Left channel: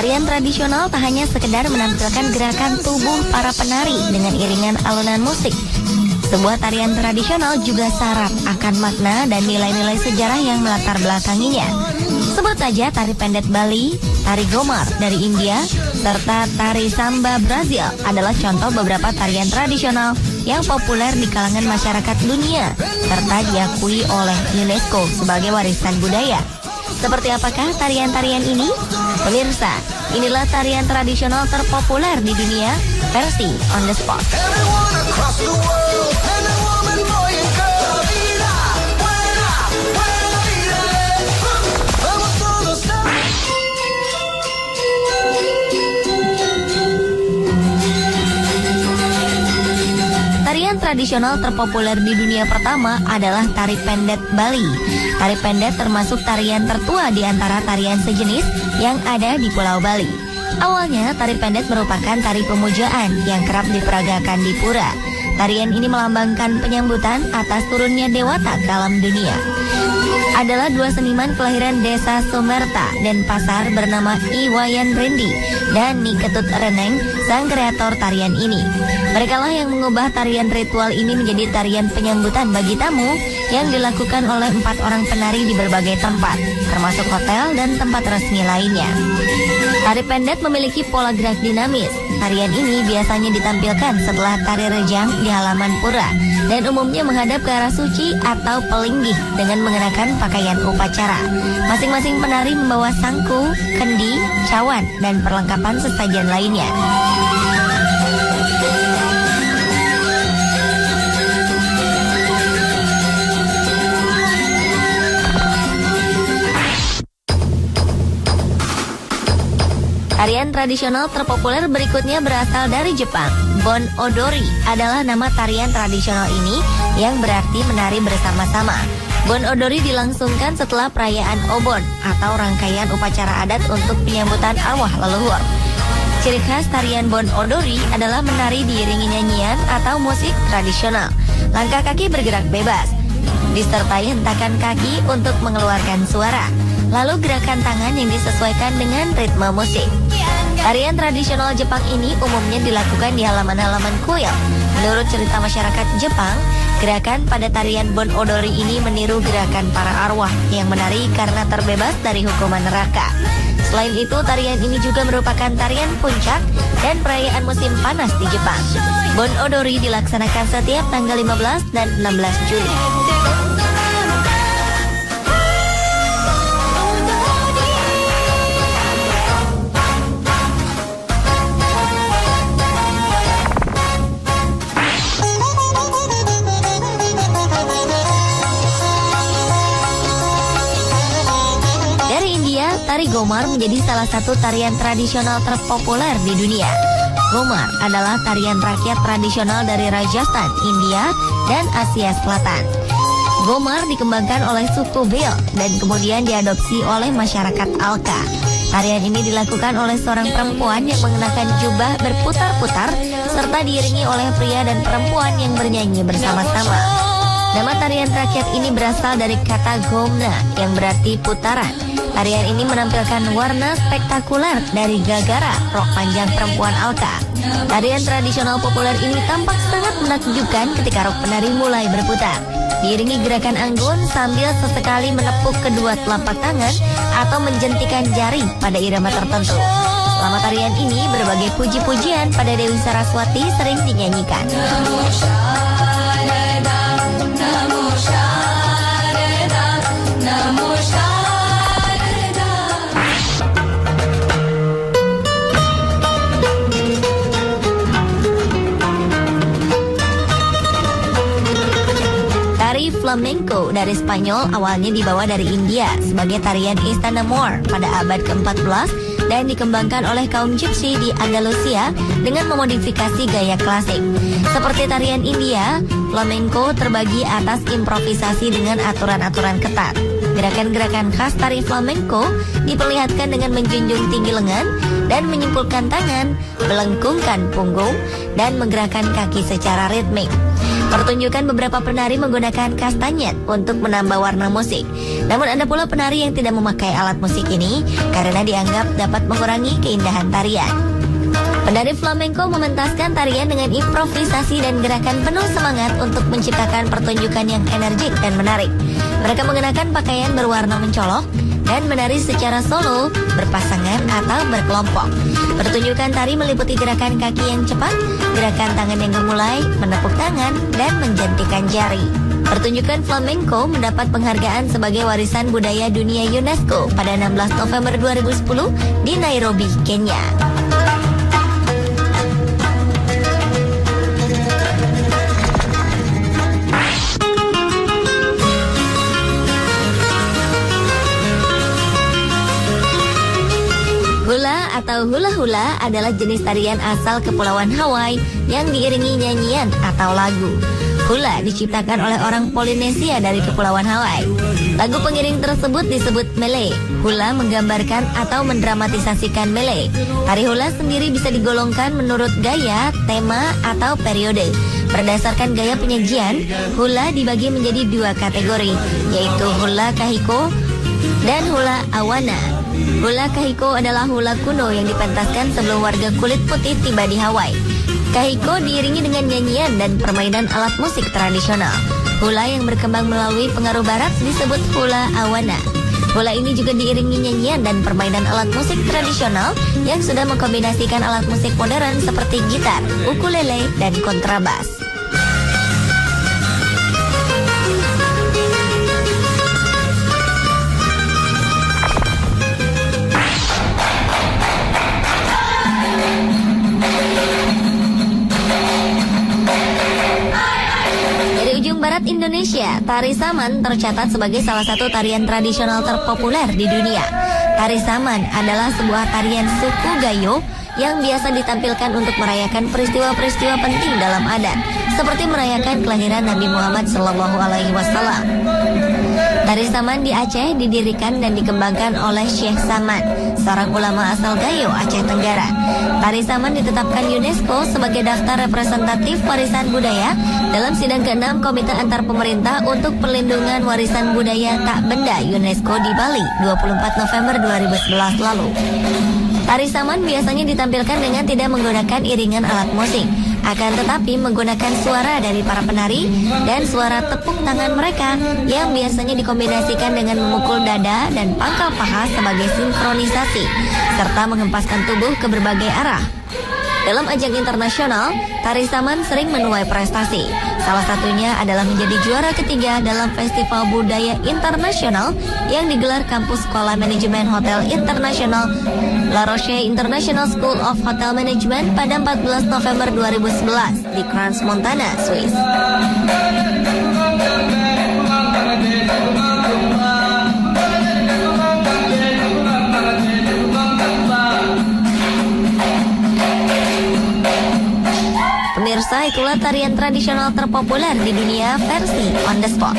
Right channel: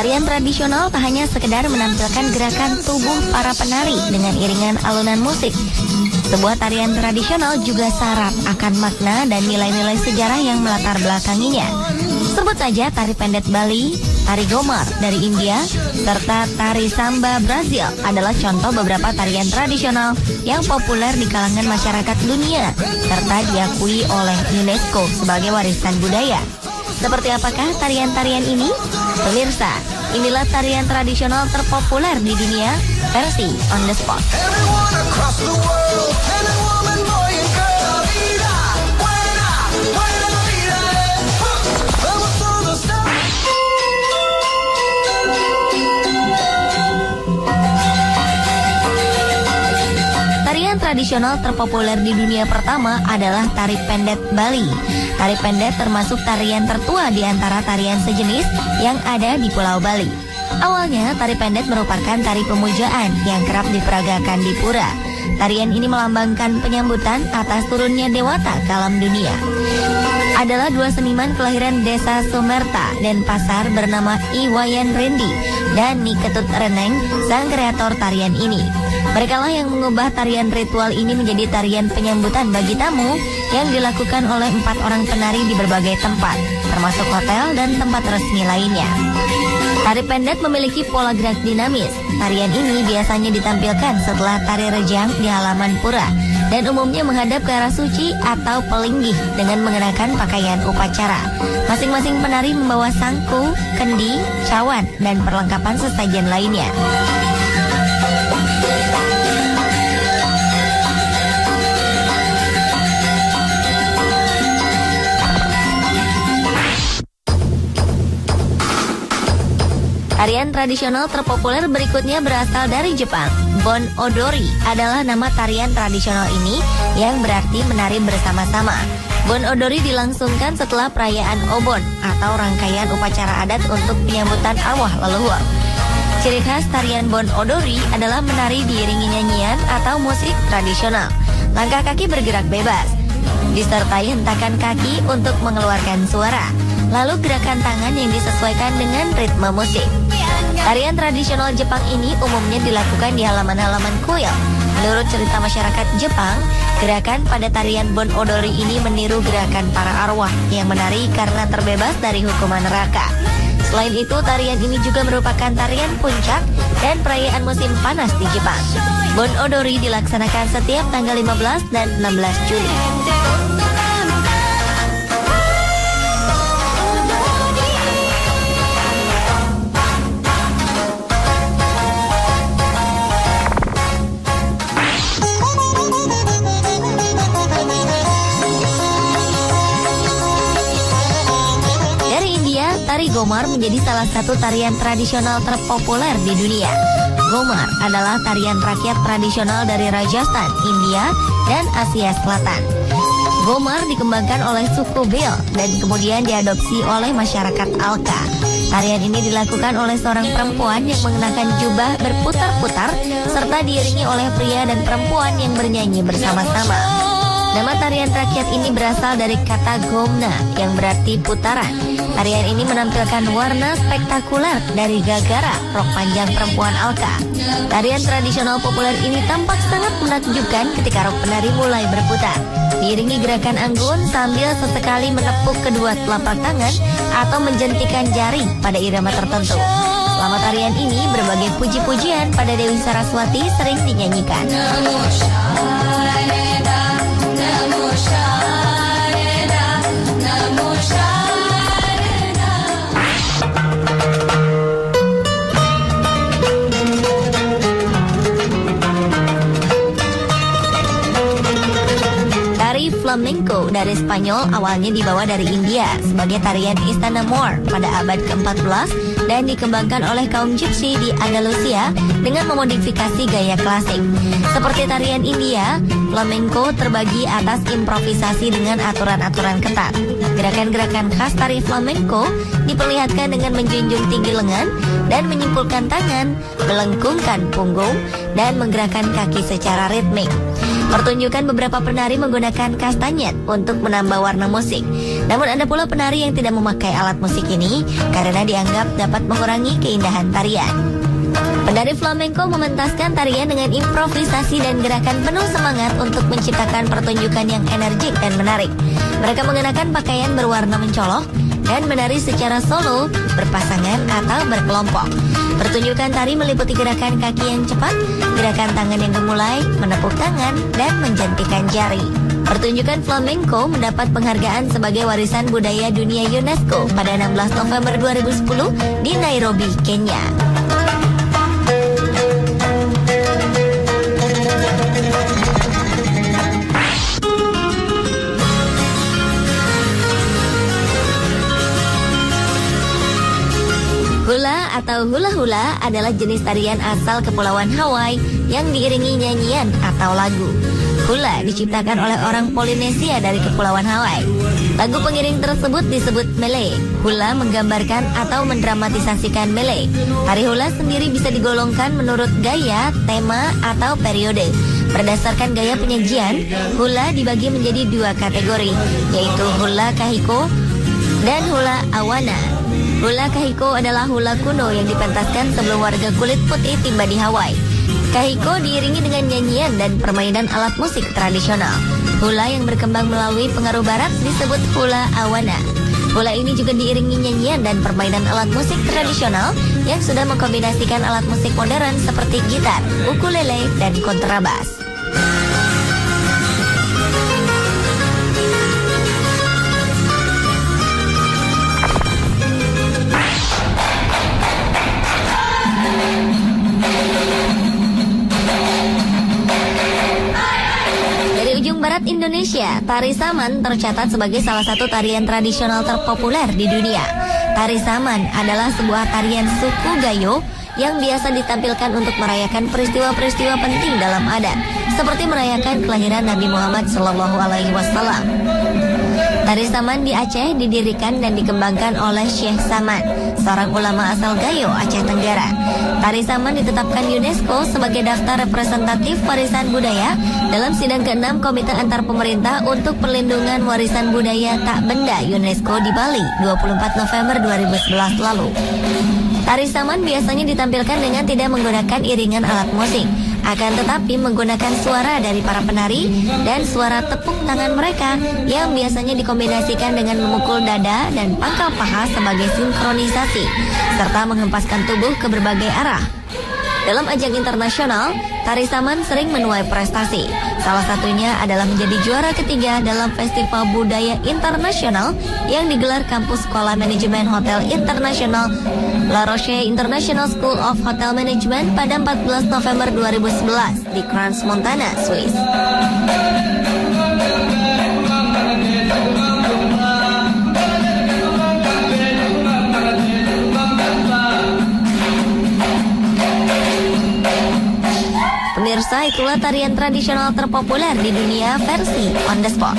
Tarian tradisional tak hanya sekedar menampilkan gerakan tubuh para penari dengan iringan alunan musik. Sebuah tarian tradisional juga syarat akan makna dan nilai-nilai sejarah yang melatar belakanginya. Sebut saja tari pendet Bali, tari Gomar dari India, serta tari Samba Brazil adalah contoh beberapa tarian tradisional yang populer di kalangan masyarakat dunia, serta diakui oleh UNESCO sebagai warisan budaya. Seperti apakah tarian-tarian ini? Pemirsa, inilah tarian tradisional terpopuler di dunia versi On The Spot. Tarian tradisional terpopuler di dunia pertama adalah tari pendet Bali. Tari pendet termasuk tarian tertua di antara tarian sejenis yang ada di Pulau Bali. Awalnya, tari pendet merupakan tari pemujaan yang kerap diperagakan di pura. Tarian ini melambangkan penyambutan atas turunnya dewata ke alam dunia. Adalah dua seniman kelahiran desa Somerta dan Pasar bernama Iwayan Rendi dan Niketut Reneng, sang kreator tarian ini. Mereka lah yang mengubah tarian ritual ini menjadi tarian penyambutan bagi tamu yang dilakukan oleh 4 orang penari di berbagai tempat, termasuk hotel dan tempat resmi lainnya. Tari pendet memiliki pola gerak dinamis. Tarian ini biasanya ditampilkan setelah tari rejang di halaman pura dan umumnya menghadap ke arah suci atau pelinggih dengan mengenakan pakaian upacara. Masing-masing penari membawa sangku, kendi, cawan, dan perlengkapan sesajen lainnya. Tarian tradisional terpopuler berikutnya berasal dari Jepang. Bon Odori adalah nama tarian tradisional ini yang berarti menari bersama-sama. Bon Odori dilangsungkan setelah perayaan Obon atau rangkaian upacara adat untuk penyambutan arwah leluhur. Ciri khas tarian Bon Odori adalah menari diiringi nyanyian atau musik tradisional. Langkah kaki bergerak bebas, disertai hentakan kaki untuk mengeluarkan suara. Lalu gerakan tangan yang disesuaikan dengan ritme musik. Tarian tradisional Jepang ini umumnya dilakukan di halaman-halaman kuil. Menurut cerita masyarakat Jepang, gerakan pada tarian Bon Odori ini meniru gerakan para arwah yang menari karena terbebas dari hukuman neraka. Selain itu, tarian ini juga merupakan tarian puncak dan perayaan musim panas di Jepang. Bon Odori dilaksanakan setiap tanggal 15 dan 16 Juni. Tari Gomar menjadi salah satu tarian tradisional terpopuler di dunia. Gomar adalah tarian rakyat tradisional dari Rajasthan, India, dan Asia Selatan. Gomar dikembangkan oleh suku Bhil dan kemudian diadopsi oleh masyarakat Alka. Tarian ini dilakukan oleh seorang perempuan yang mengenakan jubah berputar-putar serta diiringi oleh pria dan perempuan yang bernyanyi bersama-sama. Nama tarian rakyat ini berasal dari kata gomna yang berarti putaran. Tarian ini menampilkan warna spektakuler dari gagara, rok panjang perempuan Alka. Tarian tradisional populer ini tampak sangat menakjubkan ketika rok penari mulai berputar. Diiringi gerakan anggun sambil sesekali menepuk kedua telapak tangan atau menjentikan jari pada irama tertentu. Selama tarian ini, berbagai puji-pujian pada Dewi Saraswati sering dinyanyikan. Flamenco dari Spanyol awalnya dibawa dari India sebagai tarian Istana Moor pada abad ke-14 dan dikembangkan oleh kaum Gypsy di Andalusia dengan memodifikasi gaya klasik. Seperti tarian India, flamenco terbagi atas improvisasi dengan aturan-aturan ketat. Gerakan-gerakan khas tari flamenco diperlihatkan dengan menjunjung tinggi lengan dan menyimpulkan tangan, melengkungkan punggung, dan menggerakkan kaki secara ritmik. Pertunjukan beberapa penari menggunakan kastanyet untuk menambah warna musik. Namun ada pula penari yang tidak memakai alat musik ini karena dianggap dapat mengurangi keindahan tarian. Penari flamenco mementaskan tarian dengan improvisasi dan gerakan penuh semangat untuk menciptakan pertunjukan yang energik dan menarik. Mereka mengenakan pakaian berwarna mencolok dan menari secara solo, berpasangan atau berkelompok. Pertunjukan tari meliputi gerakan kaki yang cepat, gerakan tangan yang memulai, menepuk tangan, dan menjentikan jari. Pertunjukan flamenco mendapat penghargaan sebagai warisan budaya dunia UNESCO pada 16 November 2010 di Nairobi, Kenya. Hula atau hula-hula adalah jenis tarian asal Kepulauan Hawaii yang diiringi nyanyian atau lagu. Hula diciptakan oleh orang Polinesia dari Kepulauan Hawaii. Lagu pengiring tersebut disebut Malay. Hula menggambarkan atau mendramatisasikan Malay. Tari hula sendiri bisa digolongkan menurut gaya, tema, atau periode. Berdasarkan gaya penyajian, hula dibagi menjadi dua kategori, yaitu hula kahiko dan hula awana. Hula kahiko adalah hula kuno yang dipentaskan sebelum warga kulit putih tiba di Hawaii. Kahiko diiringi dengan nyanyian dan permainan alat musik tradisional. Hula yang berkembang melalui pengaruh barat disebut hula awana. Hula ini juga diiringi nyanyian dan permainan alat musik tradisional yang sudah mengkombinasikan alat musik modern seperti gitar, ukulele, dan kontrabas. Dari ujung barat Indonesia, tari saman tercatat sebagai salah satu tarian tradisional terpopuler di dunia. Tari saman adalah sebuah tarian suku Gayo yang biasa ditampilkan untuk merayakan peristiwa-peristiwa penting dalam adat, seperti merayakan kelahiran Nabi Muhammad SAW. Tari saman di Aceh didirikan dan dikembangkan oleh Syekh Saman, seorang ulama asal Gayo, Aceh Tenggara. Tari saman ditetapkan UNESCO sebagai daftar representatif warisan budaya dalam sidang ke-6 Komite Antar Pemerintah untuk Perlindungan Warisan Budaya Tak Benda UNESCO di Bali 24 November 2011 lalu. Tari saman biasanya ditampilkan dengan tidak menggunakan iringan alat musik, akan tetapi menggunakan suara dari para penari dan suara tepuk tangan mereka yang biasanya dikombinasikan dengan memukul dada dan pangkal paha sebagai sinkronisasi, serta menghempaskan tubuh ke berbagai arah. Dalam ajang internasional, tari saman sering menuai prestasi. Salah satunya adalah menjadi juara ketiga dalam Festival Budaya Internasional yang digelar kampus Sekolah Manajemen Hotel Internasional La Roche International School of Hotel Management pada 14 November 2011 di Crans Montana, Swiss. Pemirsa, itulah tarian tradisional terpopuler di dunia versi On The Spot.